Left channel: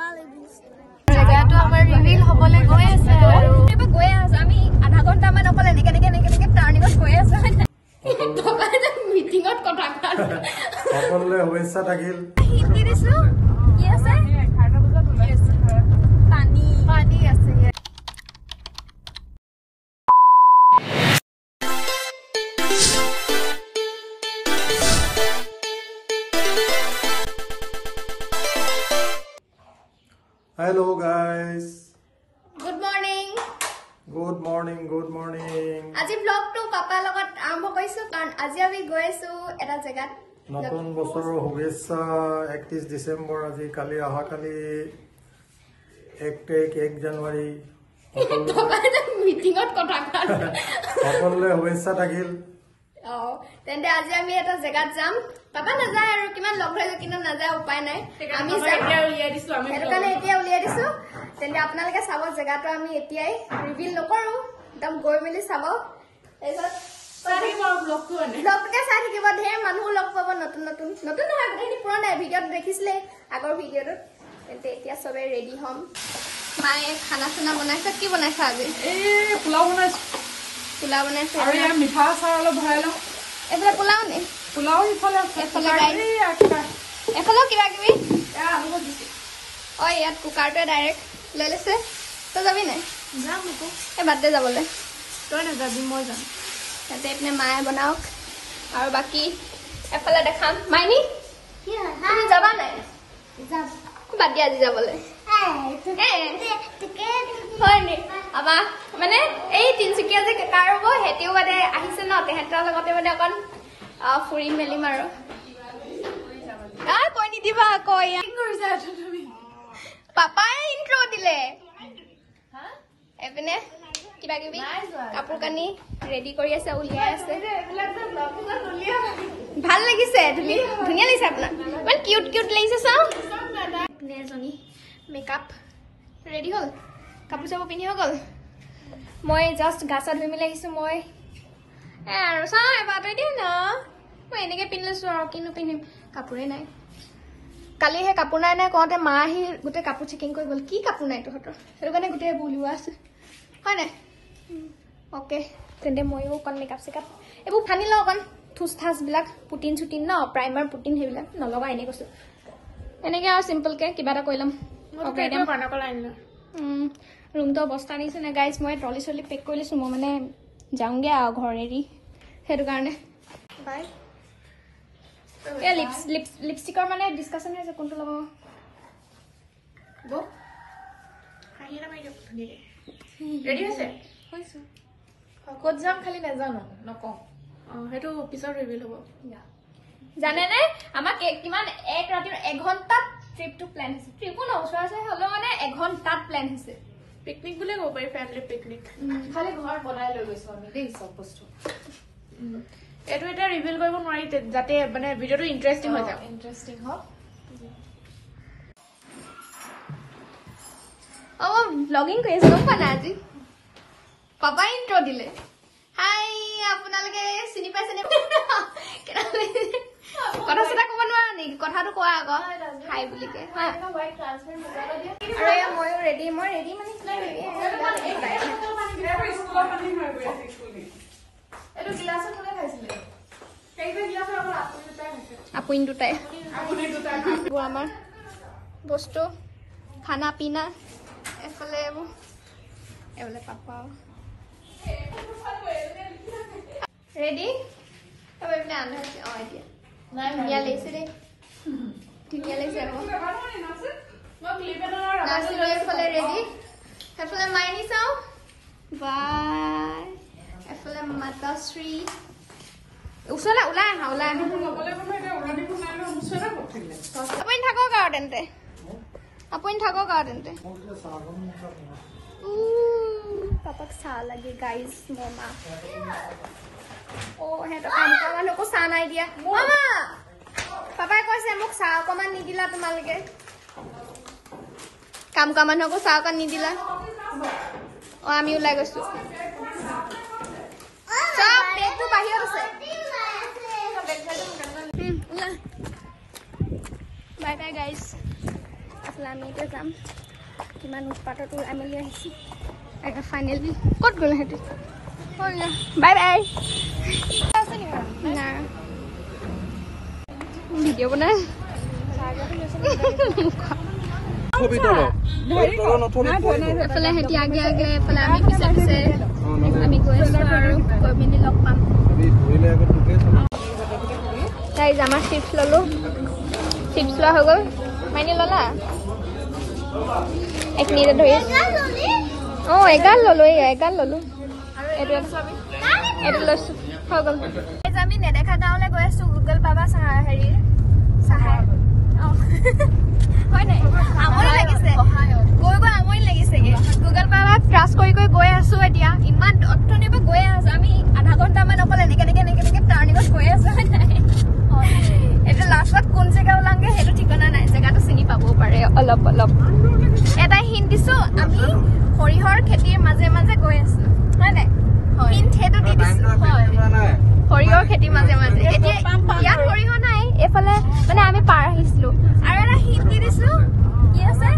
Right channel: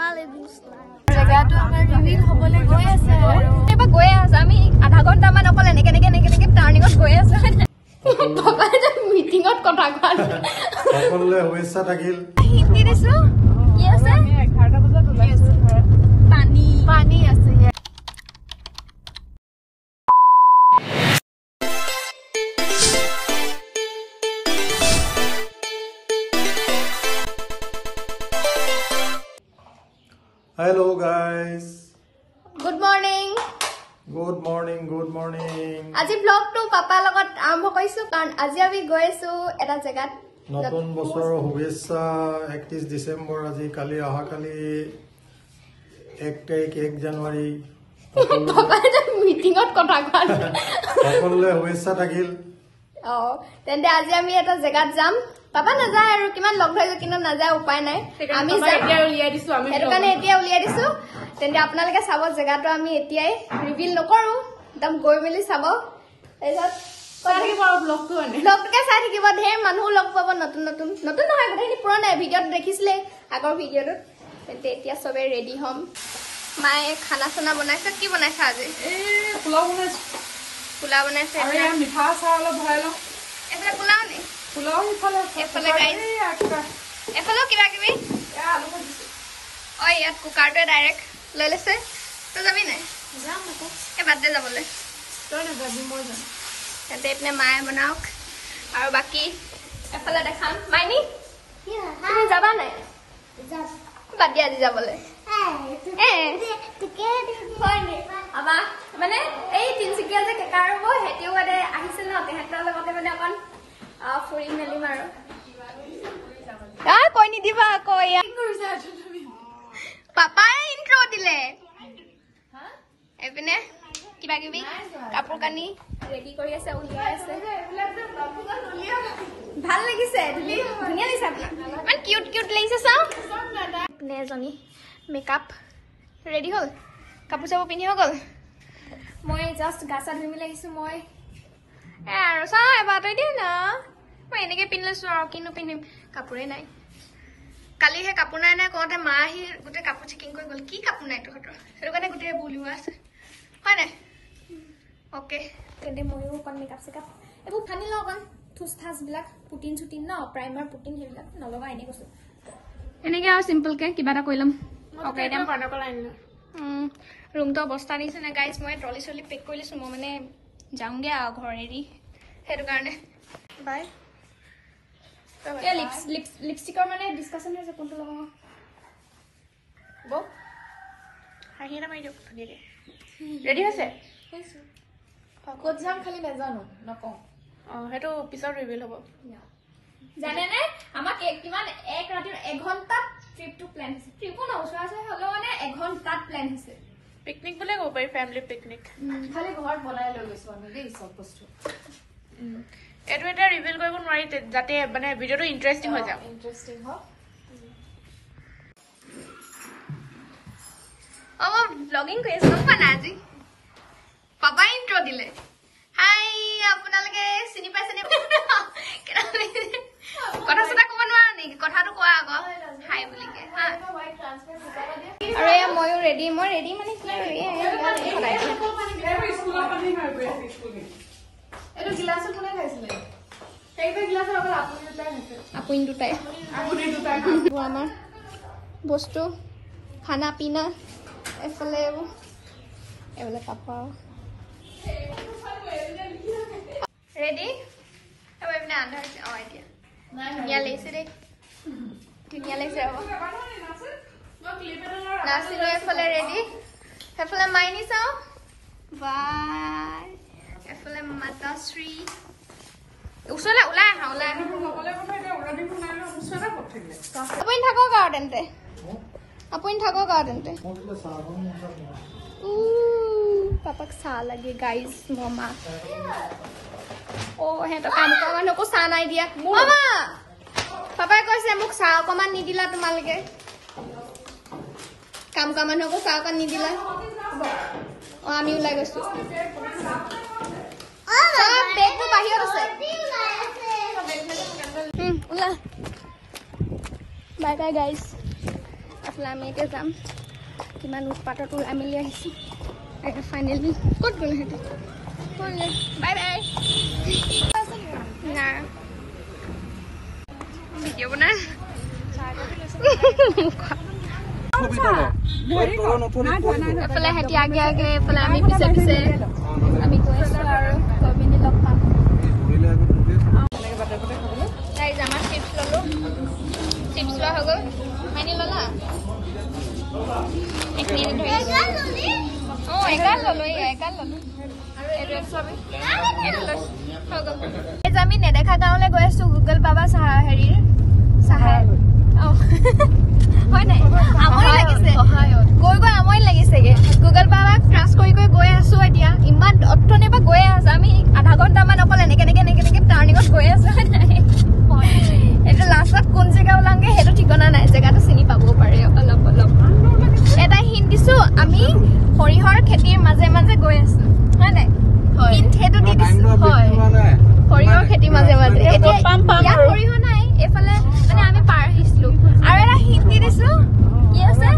জেগাটো আমাৰ ৰিভিল হ'বলৈ গৈ আছে আৰু এবাৰ গৈ আছে আমি আধা ঘণ্টামান অকল এনেকে টাৰ্ণিঙত গৈ আছে মিটিঙত কথা কোৱা সকলোৱে শুভেচ্ছা থাকিল হিন্দী দিছো কি আছে পানী আছে Hello guys. Good morning. আজি ব্লগটো পাপাৰ লগত আৰম্ভ কৰিছো কাৰণ আজি আমি গৈ আছো এটা জেগাত নতুন বছৰৰ শুভেচ্ছা 31 ডিসেম্বৰ আজি কালি অহা কালি 1 তাৰিখ 1 জানুৱাৰী মিটিঙত কথা কোৱা সকলোৱে শুভেচ্ছা থাকিল তেন্তে আজি আমি এটা জেগাত যাম পাপা নাযায় আৰু কিমান লগ ধৰিছো কিন্তু নাযায় উপায় নাই আমি সেইটো কাৰণে এতিয়া উলিয়াই দিছো তেন্তে আপোনালোকে চাব জেগাটো আমি এতিয়াই ৰিভিল নকৰো একদম গৈ মেলি চাব ব্লগটোকে চাই থাকিব ঢেৰ মানুহ লগ পাব নতুন নহয় গোটেইখিনি পুৰণা ভিডিঅ'ত দেখিছিলে আগৰ ভিডিঅ'টোত তেন্তে এতিয়া চবে ৰেডি হ'ম মায়ে খানা চানা বনাইছে কি বনাইছে আজি পোলাও বনাইছে মিঠা চাহ অলপ ভৰাই লওঁ এইফালে পোলাও নে পোলাও এফালেও কিবা কিবি ইয়াত কুকাৰটোৱে ডাইৰেক্ট লৈ লৈছে তই যাবি নাই যাম আকৌ এই বাটতে যাবলৈ তই নাযাবি মই যাম ইয়াতে এইপিনে মায়ে বনাওক আৰু বাকী এফালে দেখাম মাইনী তুমি যাবা নাই বাদ দিয়া আজি যাবলৈ মানে এই তিনচুকীয়া যে কেকা আৰু সেহেঁতিও মানে আহিছে ন তেহেঁতৰ লগতে মানে অকণ ফুৰি মেলিম আৰু কৈ নিদিবা আকৌ পাপাই ইন্ট্ৰ দিলে এইপিনে কিবা কিবি কাপোৰ কানি ৰেডি কৰি আছে উলিয়াই আছে ভাল লাগিছে ধুনীয়া লাগিছে আপোনাৰ ইমান কিউট লাগিছে চাওঁ এইপিনে এজনী মেকআপ ৰেডি হ'ল কাপোৰ চাপোৰ পিন্ধি হৈ গ'ল মই জাষ্ট গা চা ধুই মেলি আহিছোঁ মই আৰু চাওঁ এবাৰ তই দিয়ে ন মই এনেকৈ পিন্ধি লৈছোঁ আৰু কিনো পিন্ধিম কাপোৰে নাই কালি সেই কাপোৰ নাই কওঁতে মা আহি গোটেই কাপোৰ চেকিং কৰি গ'ল কি কাপোৰ নাই তহঁতৰ সেইটো কাৰণে গোটেই বুলিওৱা আছে হয় নাই অ'কে তেন্তে ময়ো অকণ মেকআপ চেকআপ এইবোৰ ফানি লওঁ অকণ থুচ থাচবিলাক পুটিন চুটিন ন প্ৰাইমাৰ পুটিন সেইবিলাক নলগা এনেই কৈছোঁ এনেকৈ আৰু চিম্পলকৈ কিবা এটা কৰি ল'ম অ'কে ৰুমটো অৱস্থা নিচিনা গাইজ মই ট্ৰলি চলি পেক কৰি লৈছোঁ মই মানে যাওঁগৈ আৰু ঘৰ এৰি সেইটো কাৰণে বাই এই লিপষ্টিকৰ মানে ডিছকাশ্যন হৈছে কোনটো লগাব হাঁহি এটা মাৰি দিয়ক ধুনীয়াকৈ ৰেডি হৈছে ক'ত যাম খালি নাজানো নকওঁ সেইটো পিছত ৰিভিল হ'ব জানেনে আমাক কিমান এক ৰাতিৰ এঘণ্টাত ট্ৰিপটো প্লেন হৈছে ট্ৰিপো নওচৰা আছে হ'লেও মানে এঘণ্টাত প্লেন হৈছে পিকনিক বুলিয়ে ক'ব পাৰি ফেমিলি পিকনিক খালি ঘৰত বনাই লৈ গৈছোঁ আমি দেই চব বস্তু এইটো এতিয়া ৰিভিল কৰিব নোৱাৰি যাতে মানে ভিডিঅ'টো ইণ্টাৰেষ্টিং হৈ যাওক ইণ্টাৰেষ্টিং হওক ব্লগিং কৰি আছো গম পোৱা নাই আজি পাপাই ইন্ট্ৰ দিলে হাই আপোনালোকে চিনি পাইছে নে কথা চথা ক'ব নোৱাৰা নেকি কথাটো কোৱা আকৌ হাই বুলিকে আৰু এয়া ময়ো ৰেডি মই ৰেডি মানে কি আপুনি দুটাই আমাৰ বস্তু খানা পিনা এফালে এইফালে পাপা ৰেডি এইপিনে আন্ধাৰ এতিয়া ধুনীয়া লাগিছে দেই ধুনীয়া লাগিছে আকৌ নাচিলো এফালে ৰেডি সেইফালে মাইনী চাওঁ বাই এফালে মাতাশ্ৰী ওচৰলৈ ওলাই আহা আপুনি থাকক আৰু তেন্তে পাপাক চাহ লাগে গাইজ মমা সিহঁতৰ কাম কৰা মানুহকো চাহ নাই দিয়া মামা পাপাই কৈছে মোক চাহ অকণমান নিদিলা তোমালোকে কাম কৰা মানুহকো চাহ অকণ নিদিলা আমি ওলাই গৈছো বাহিৰত আছে বাই বাই গাইজ এইফালে আমি এতিয়া যাম কিমান উৎপাতত ওলাই মেলি আহিছোঁ ফাইনেলি ক'ত গ'ল সিহঁতি বাই বাই না ভিডিঅ' বনাই এইফালে সিহঁতি আগে আগে এইফালে আমি পিছে পিছে আমি গৈ আছোঁ আৰু গৈ পিনি লগ পাম তাই আমাৰ চিপছ ল'লোঁ চিপছ লোৱা হৈ গ'ল মাইনি ল'লা এক মিনিট ধৰি অঁ এগাল ল'লোঁ এগাল ল'লোঁ এইটো লৈছোঁ হৈ গ'ল আমি নেদেখা গাঁৱলৈ গৈ আছোঁ গুগল বাবা হেৰিৰ চাহাই অঁ হয় নাই আমনি লাগিছে গৈ গৈ আমনি লাগিছেগে গুগল বাবা ক্ৰাছ কৰি কৰি গৈ আছোঁ এতিয়া ইমান অথনিৰ পৰা গৈয়ে আছোঁ আমি আধা ঘণ্টামান অকল এনেকে টাৰ্ণিঙত গৈ আছোঁ হয় নাই এইটো লাষ্টত কোন জেগা ওলাংগে সেইটো ঠিকনা নাই জেগাটো চিনি পাবও পাৰে অলপ অলপ এটা হিণ্ট দিছোঁ আমি সৰিয়হৰ খেতিৰ মাজে মাজে গৈ আছোঁ হয় নাই হিণ্ট সেইটো দি দিছোঁ হয় সৰিয়হৰ খেতিৰ মাজে মাজে এতিয়া সৰিয়হ নাই এইফালে মানে আমি পাৰ আহিছিলোঁ আৰু এটা হিণ্ট দি দিছোঁ কি আছে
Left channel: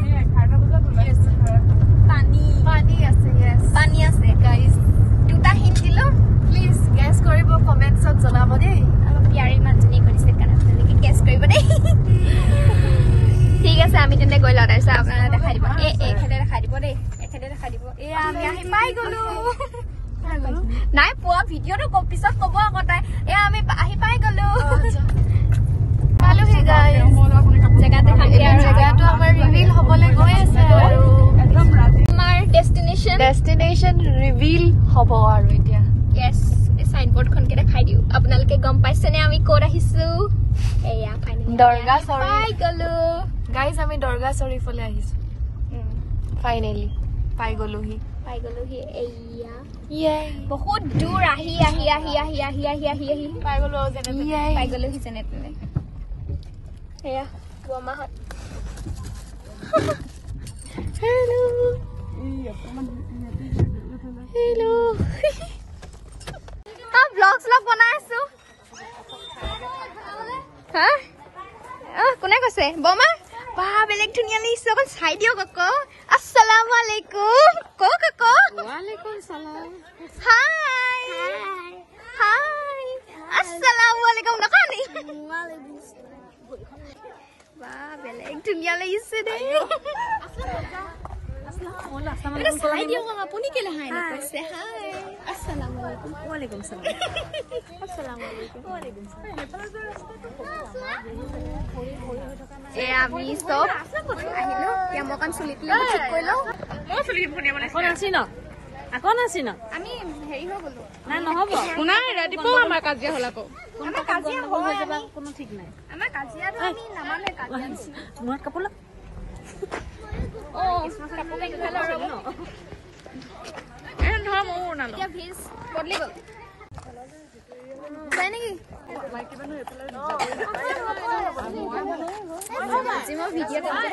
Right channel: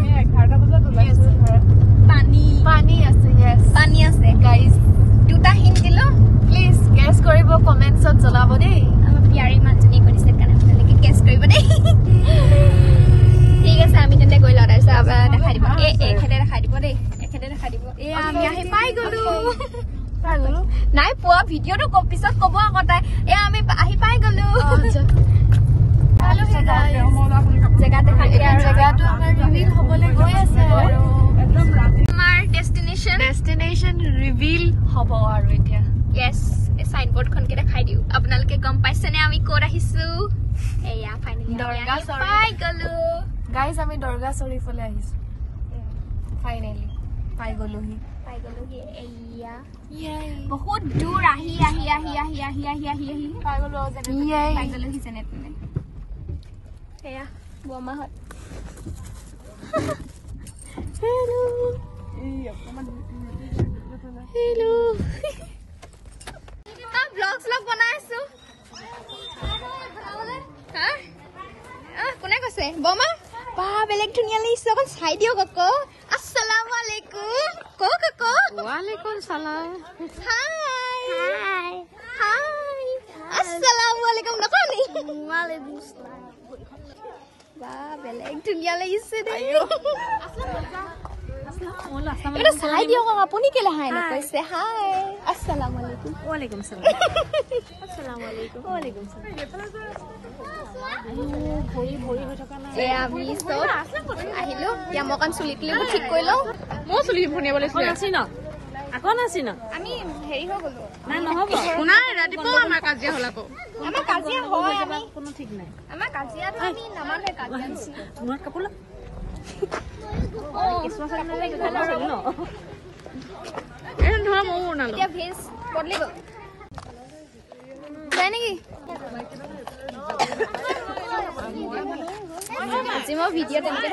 পানী আছে গাইজ দুটা হিণ্ট দিলোঁ প্লিজ গেছ কৰিব কমেণ্টছত জনাব দেই আমাৰ পিয়াৰী মানুহজনী কৰিছে কাৰণে আপোনালোকে গেছ কৰিব দেই ঠিক আছে আমি তেন্তে গৈ লওঁ তাৰপিছত আপোনালোকে দেখাই দিব এখেতে দেখাই দিব দেই এখেতে দেখাই দিব আমি আহি পাই গ'লো নাই পোৱা ভিডিঅ'টো পিছত ক'ব আকৌ তাই আমি আহি পাই গ'লো পালোহি গাইজ জেগা দেখামগে আৰু জেগাটো আমাৰ ৰিভিল হ'বলৈ গৈ আছে আৰু আমাৰ ডেষ্টিনেশ্যন ৰিভিল হ'ব আৰু এতিয়া য়েছ এই চাইনবোৰ্ডখনকে দেখাই দিওঁ আপোনালোকে গম পাইছেনে আমি ক'ত আহিছোঁ এয়া ফাইনেলি পাই গ'লো গাইজ আমি দৰগা শ্বৰীফলৈ আহিছোঁ ফাইনেলি পাই গ'লোহি এয়া বহুত দূৰ আহি পাই গ'লোহি যেনে তেনে এয়া বৰমাহঁত হেল্ল' ব্লগ বনাই আছো হা কোনে কৈছে বৰমা বা বেলেগ ধুনীয়া লাগিছে অকণ চাই দিয়ক আকৌ আসসালামু আলাইকুম কক আকৌ ওয়ালাইকুম সালাম হাই আসসালামু আলাইকুম নকনি ওয়ালাইকুম সালাম বা বেলেগ ধুনীয়া লাগিছে দেই চাই দিয়ক আপুনি কেলে হাই নকৈছে হাই আসসালামু আলাইকুম ওয়ালাইকুম সালাম আসসালামু আলাইকুম ওয়ালাইকুম সালাম আমি চব আহিলো এতিয়া মই অকণ চুলি কিলিবোৰ ঠিক কৰি লওঁ মই চুলি বনাব লাগিছিল আমি হেৰি হৈ গলো নাই নহ'ব শুনাই ৰাতিপুৱা আমাৰ কাজিয়া হ'ল আকৌ আমাৰ কাজিয়া হয় আমি কোনো ঠিক নাই আমাৰ কাজিয়াটো আমি নামানে কাজিয়া নিচিনা তোমাৰ কাপোৰ কাপোৰ পিন্ধিলে ৰ'ব ধৰা মোৰ নানো এতিয়া ভেজ বদলি গ'ল যায় নেকি আজি মই ভিডিঅ' তেনেকে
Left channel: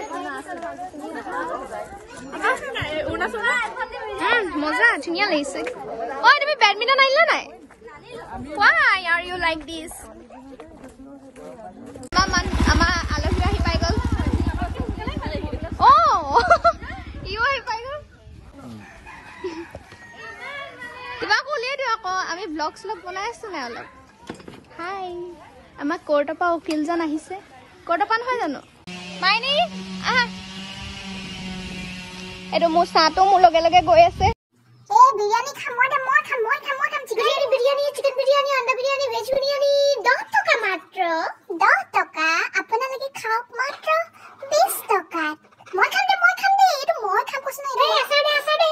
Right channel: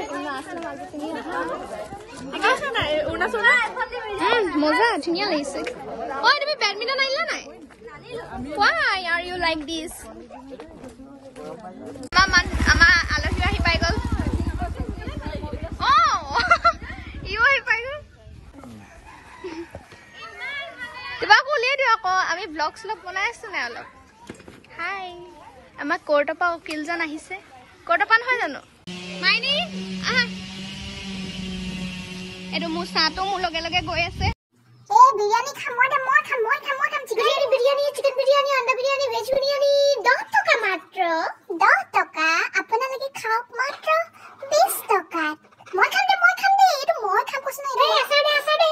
মজা ধুনীয়া লাগিছে ঐ তুমি বেডমিণ্টন আনিলা নাই Why are you like this? আমাৰ আলহী আহি পাই গ'ল ইও আহি পাই গ'ল কিবা উলিয়াই দিওঁ আকৌ আমি ব্লগ বনাই আছো নাই অলপ হাই আমাৰ কোৰ্টৰ পৰা উকিলজন আহিছে কোৰ্টৰ পৰা নহয় জানো মাইনী আহা এইটো মোৰ চাহটো মোৰ লগে লগে গৈ আছে biryani খাম চিকেন বিরিয়ানি আন্ডা বিরিয়ানি ভেজ বিরিয়ানি 10 টাকা মাত্র 10 টাকা আপোনালোকে খাওক মাত্র 20 টাকা মই খাম দে এটো মই খাম কৈছ না এই আছা দে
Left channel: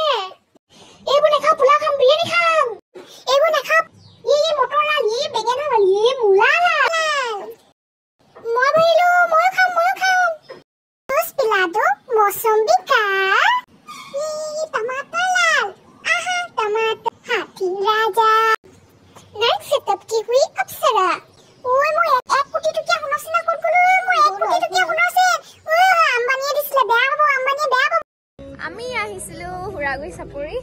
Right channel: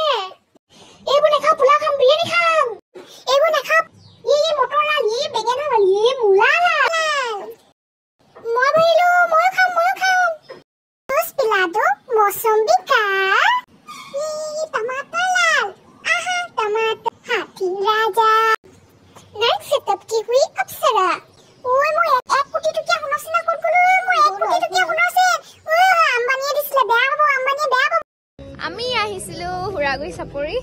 এইবোৰ না খাম পোলা খাম বিৰিয়ানি খাম এইবোৰ না খাম এই মটৰ লাল এই বেগেনা লাল এই মুলা লাল মই বইলো মই খাম জুস পিলাদো মৌসম্বি কা এই টমাটো লাল टमाटर हाथी राजा नाइट सेटअप की हुई अप्सरा ओय মই এক কোটি টকা হুনছে না কোন কোন মই এক কোটি টকা হুনছে আম্বানিয়ে দিছিলে বেয়া হ'ব আম্বানিয়ে বেয়া হ'ব আমি আহিছিলো হুৰাগুৰি চাপৰি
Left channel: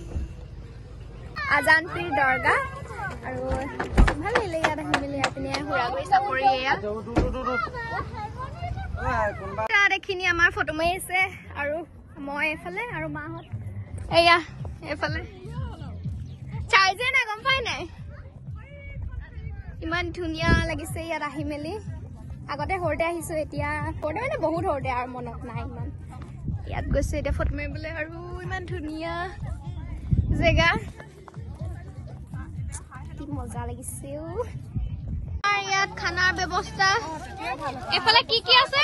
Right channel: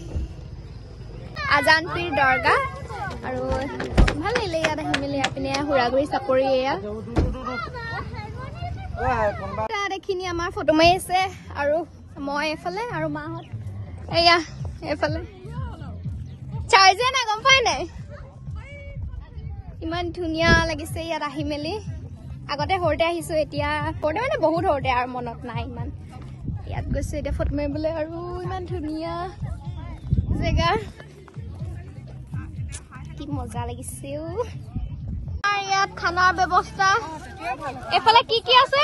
আজানপীৰ দৰগা আৰু ভাল লাগিলে ইয়াত আহি মেলি আপুনি হুৰাগুৰি চাপৰি এয়া এইখিনি আমাৰ ফটো মাৰি আছে আৰু মই এফালে আৰু মাহঁত এয়া এফালে চাৰ্জিয়া না গম পাই নাই ইমান ধুনীয়া লাগিছে ইয়াত আহি মেলি আগতে সৰুতে আহিছো এতিয়া সৰুতে মানে বহুত সৰুতে আৰু মনত নাই ইমান ইয়াত গৈছো এতিয়া ফটো মাৰিবলৈ আৰু ইমান ধুনীয়া জেগা কি মজা লাগিছে ইয়াত খানাৰ ব্যৱস্থা এফালে কি কি আছে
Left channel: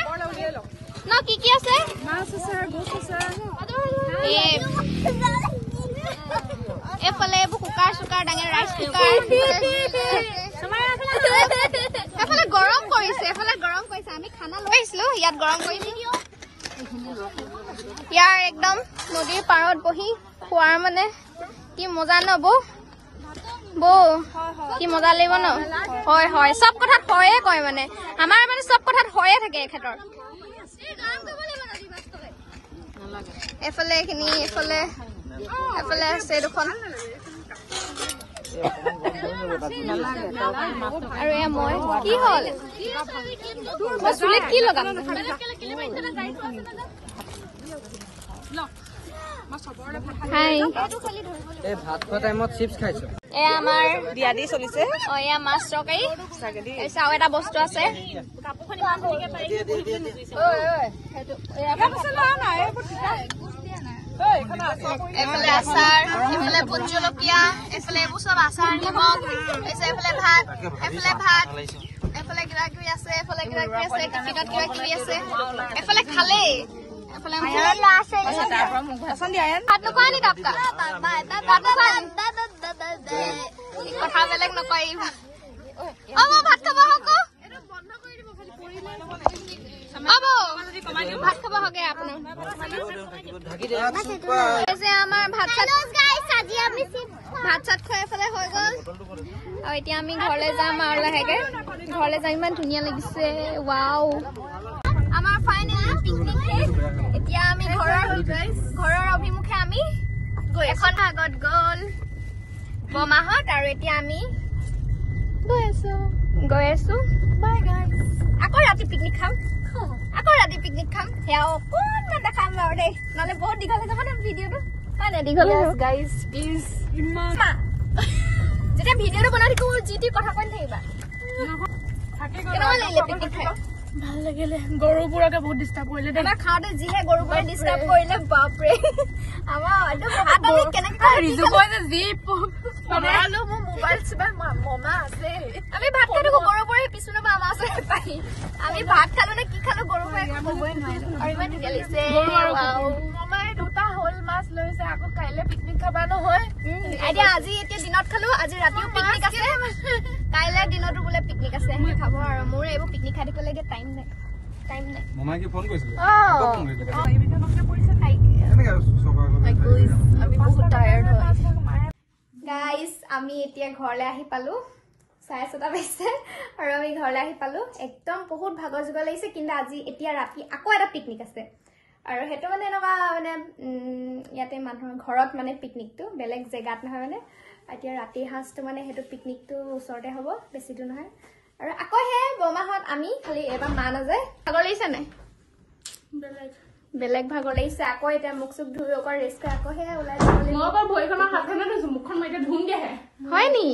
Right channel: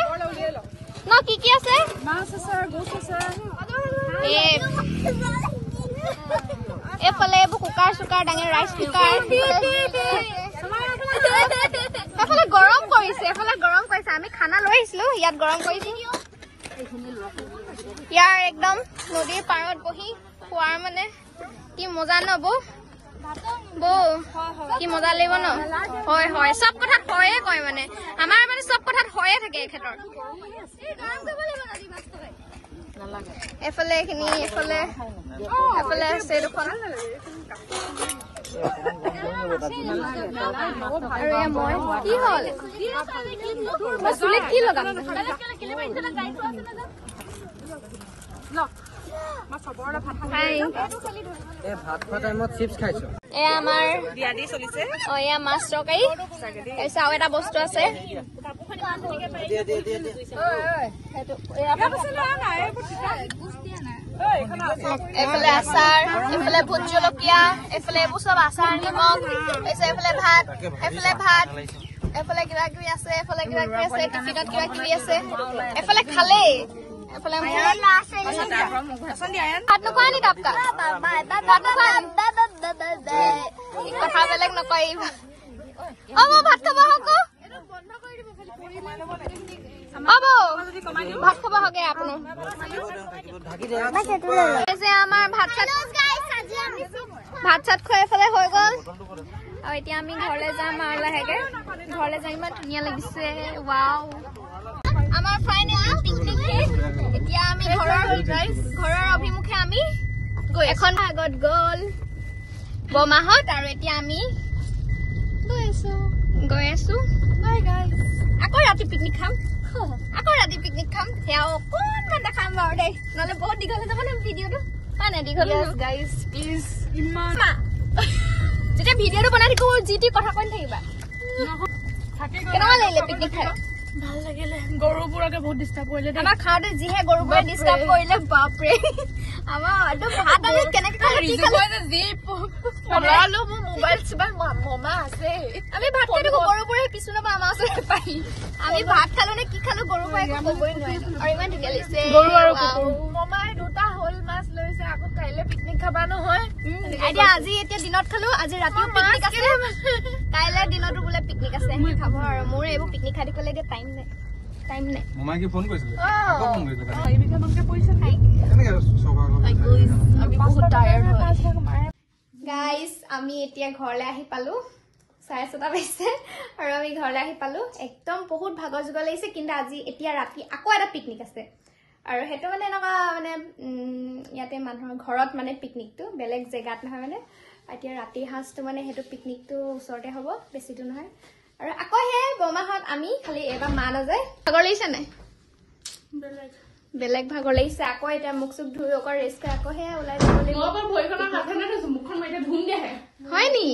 ন কি কি আছে মাছ আছে গোছ আছে এফালে এইবোৰ কুকাৰ চুকাৰ ডাঙৰ ৰাইচ কুকাৰ এফালে গৰম কৰিছে আমি খানা লৈ আহিছিলো ইয়াত গৰম কৰিছো ইয়াৰ একদম নদীৰ পাৰত বহি খোৱাৰ মানে কি মজা ন বৌ কি মজা লাগিব ন হয় হয় চব কথাত হয়ে কয় মানে আমাৰ মানে চব কথাত হয়ে থাকে এখেতৰ এফালে এইখিনি এফালে আছে দুখন আৰু মই কি হ'ল মই চুলিত কি লগাম আমাৰ বিয়াদি চলিছে এয়া মাছ তৰকাৰী আৰু এটা বস্তু আছে এফালে আচাৰ এফালে ভোট জলকীয়া এফালে এইবোৰ চব আচাৰ নিমখ এফালে ভাত এফালে কিবা কিবি আছে টিফিনত কিবা কিবি আছে এফালে খালেই এফালে ভাত নোখোৱা নি তাপকা ভাত নোখোৱা নি কথা বেলেগ নকয় মই ভাত খাব হকো ভাত খাব হকে আপোনাৰ আমাৰ ভাত চাত খোৱা এফালে হৈ গল আৰু এতিয়া আমি ঘৰলৈ যাম আৰু লাহেকে ঘৰলৈ যাই ইমান ধুনীয়া লাগিছে ৱাও আমাৰ ফাইনেলি পিকনিক শেষ এতিয়া আমি ঘৰৰ অভিমুখে আমি এখন ভাগত গল বমাহত আৰু এতিয়া আমি গৈ আছো বাই গাইজ আকৌ ৰাতি পিকনিক খাম সেয়া অকণমান দেখাম বাৰু দেই নহলে বহুত দীঘল হৈ যাব ন ভিডিঅ'টো হয় নাই দীঘল গাইজ প্লিজ যেতিয়া ভিডিঅ'টো বনাই থাকো যি টি কথা কৈ থাকিবা কেনেকুৱা লাগিলে পিকনিক খাই ভাল লাগিলে গৰুবোৰকে বহুত ডিষ্টাৰ্ব কৰিলে আমাৰ খাওঁতে যিহে গৰুবোৰে ডিষ্টাৰ্ব কৰিলে বাপৰে আমাৰ ভাত আমি কেনেকে আমি ভাত খাই থাকো গৰুবোৰে পিছু নাপাই আমাৰ ওচৰত পাই আমি ভাত খালো নে কি খালো গৰুবোৰে একো কবই নোৱাৰিলো আৰু ইমান ধুনীয়া লাগিছে মমাই দুটা হল মাছ লৈছে আকৌ কাইলে পিকনিক খাবা নহয় এতিয়া আজি এতিয়া দিনত খালো আজি ৰাতিও পিকনিক আছে কাইলে দিনতো বোলে পিকনিক আছে খাব আৰু মোৰ এইবোৰ পিকনিক খাই থাকিবলৈকে টাইম নাই মমাই কি ফোন কৰিছিলে আকৌ ফোন কৰিছিলে আমি বহুত টায়াৰ্ড হয় গাইজ আমি এতিয়া ঘৰলৈ আহি পালো 6:30 বাজিছে আৰু আমি ঘৰলৈ আহি পালো একদম বহুত ভাগৰ জুগৰ লাগিছে কিন্তু আজি এতিয়া ৰাতি আকৌ এটা পিকনিক আছে আৰু সেইটো মানে এনেকুৱা মানে ইয়াতে মানুহৰ ঘৰত মানে পিকনিকটো বেলেগ জেগাত নহয় মানে এতিয়া ৰাতি সাঁজটো মানে সেইটো পিকনিকটো ওচৰতে হ'ব বেছি দূৰ নহয় আৰু আকৌ হে বমাহত আমি খালি এবাৰ মা নাযায় ভাগৰ লাগিছে নাই বেলেগ ভাগৰ লাগিছে আকৌ এতিয়া মুখ চুখ ধুই অকল ৰেষ্ট কৰি আকৌ হে ওলাই যাব হয় নি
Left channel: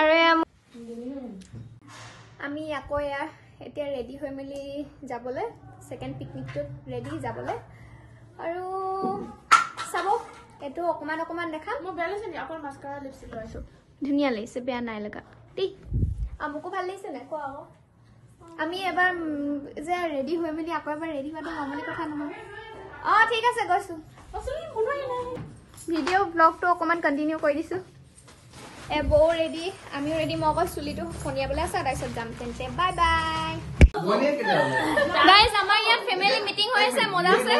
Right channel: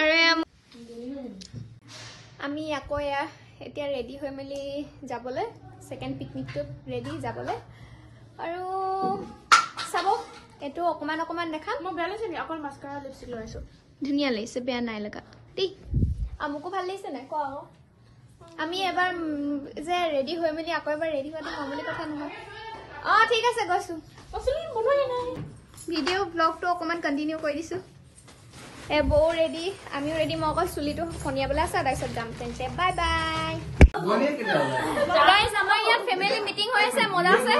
আৰু আমি আকৌ এয়া এতিয়া ৰেডি হৈ মেলি যাবলৈ সেকেন্ড পিকনিকটোত ৰেডি যাবলৈ আৰু চাব এইটো অকমান দেখাম মই বেয়া লাগিছে নি অকল মাস্কাৰা লিপষ্টিক লগাইছো ধুনীয়া লাগিছে বেয়া নাই লগা দেই আমুকো ভাল লাগিছে নাই কোৱা আকৌ আমি এবাৰ যে ৰেডি হৈ মেলি আকৌ এবাৰ ৰেডি হোৱাটো মামুলি কথা নহয় ঠিক আছে গৈছো ভিডিঅ' ব্লগটো অকমান কণ্টিনিউ কৰি দিছো বৌ ৰেডি আমিও ৰেডি মই অকল চুলিটো ফনিয়াবলৈ আছে তাৰপিছত যাম তেন্তে বাই বাই গাইজ আমাৰ ইয়াত ফেমিলি মিটিং হৈ আছে মজা আছে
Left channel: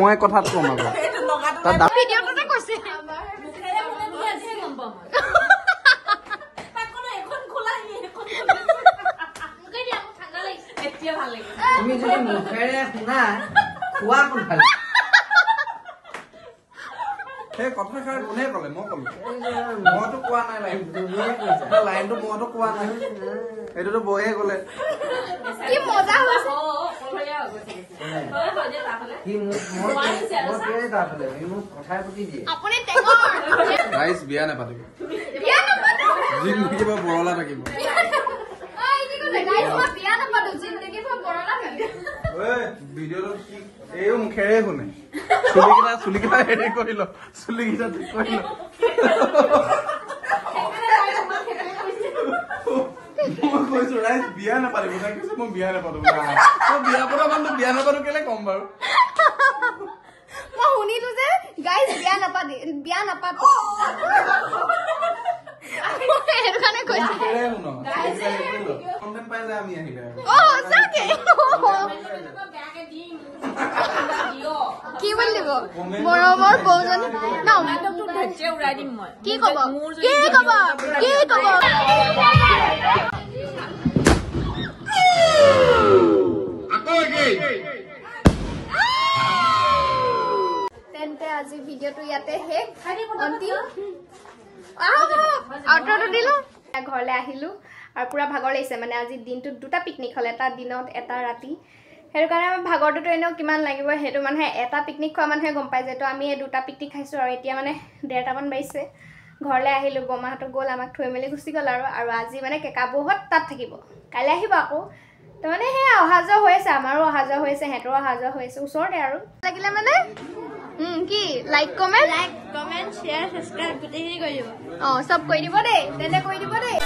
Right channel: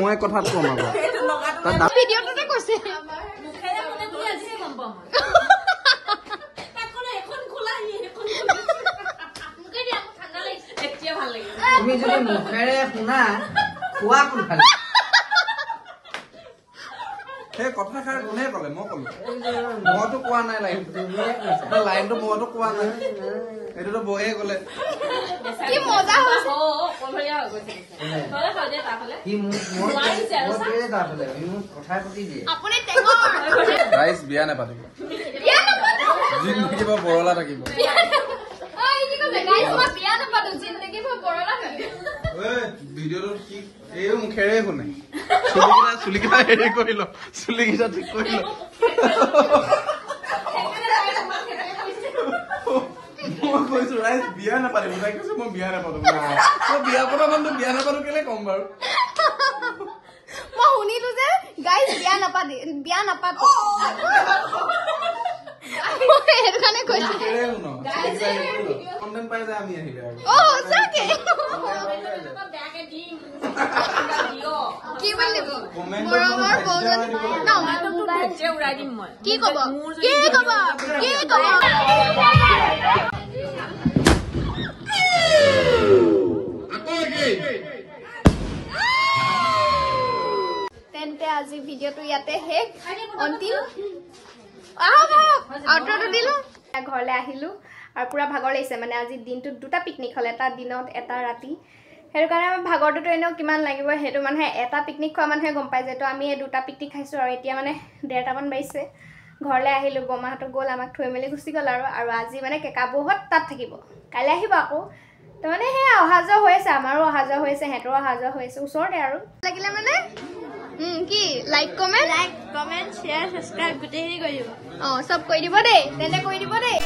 মই কথাত কম আকৌ ভিডিঅ'টোতে কৈছে তুমি যদি মুখেৰে শুনা কোৱা কোনফালে সেই কথাষাৰ কোনে ক'লে মই ক'লো মইতো কোৱা নাই লাইনটো মইতো কোৱা নাই সেইটোতো বৌয়ে ক'লে কি মজা হৈছে আপুনি টেঙৰ গাইজ বিয়া নাপাতিব জিন্দগী বৰলা থাকিব ভিডিঅ'টো কি এইও মুখেৰে শুনে চুলিকেইটা হেৰি কৰি ল চুলিকেইটা ঠিক কৰি ল মই কৈছো ৰাইজ বিয়া নাপাতিব তাই কৈছে মই বিয়া নাপাতো মই বিয়া পতা মানুহটো বিয়া নাপাতো কেলে ক'ম বাৰু মই শুনিলো যে গাইজ বিয়া নাপাতো সেইটো কাৰণে কৈছো কণ্টেণ্ট পাই যায় আমি আহিলে আৰু সঁচাকে কি বুলি দিব মৰমৰ বৌজনী উৰাই দিম মই কি কব কি কব কি কব তেন্তে আজি ভিডিঅ'টো ইয়াতে শেষ অন্তিম আউটৰটো দিলো ঘৰলৈ আহিলো আৰু পুৰা ভাগৰ লাগিছে মানে আজি দিনটোত দুটা পিকনিক হ'ল এটা দিনত এটা ৰাতি সেইটো কাৰণে ভাগৰটোতো এনেও কিমান লাগিব সেইটো মানুহে এটা পিকনিক খোৱা মানুহে গম পাই যিহেতু আমি এই দুটা পিকনিক খাইছোঁ আৰু এতিয়া মানে 1:30মান বাজিছে ঘৰলৈ আহিলোঁ বৰমাহঁতক গ'ল আমাক থৈ মেলি গুচি গ'ল আৰু আজি মানে কেকাবৌহঁত তাত থাকিব কাইলৈ আহিব আকৌ তাৰমানে সেয়া অহা যোৱা হৈ আছে আমাৰো অহা যোৱা হৈ আছে সিহঁতৰো অহা যোৱা হৈ আছে ওচৰতে আৰু লাগিলে মানে কি লাইক কমেণ্ট শ্বেয়াৰ ছাবস্ক্ৰাইব গোটেইখিনি কৰি দিব চব কৰি দিব দেই তেন্তে কৰি দিব দেই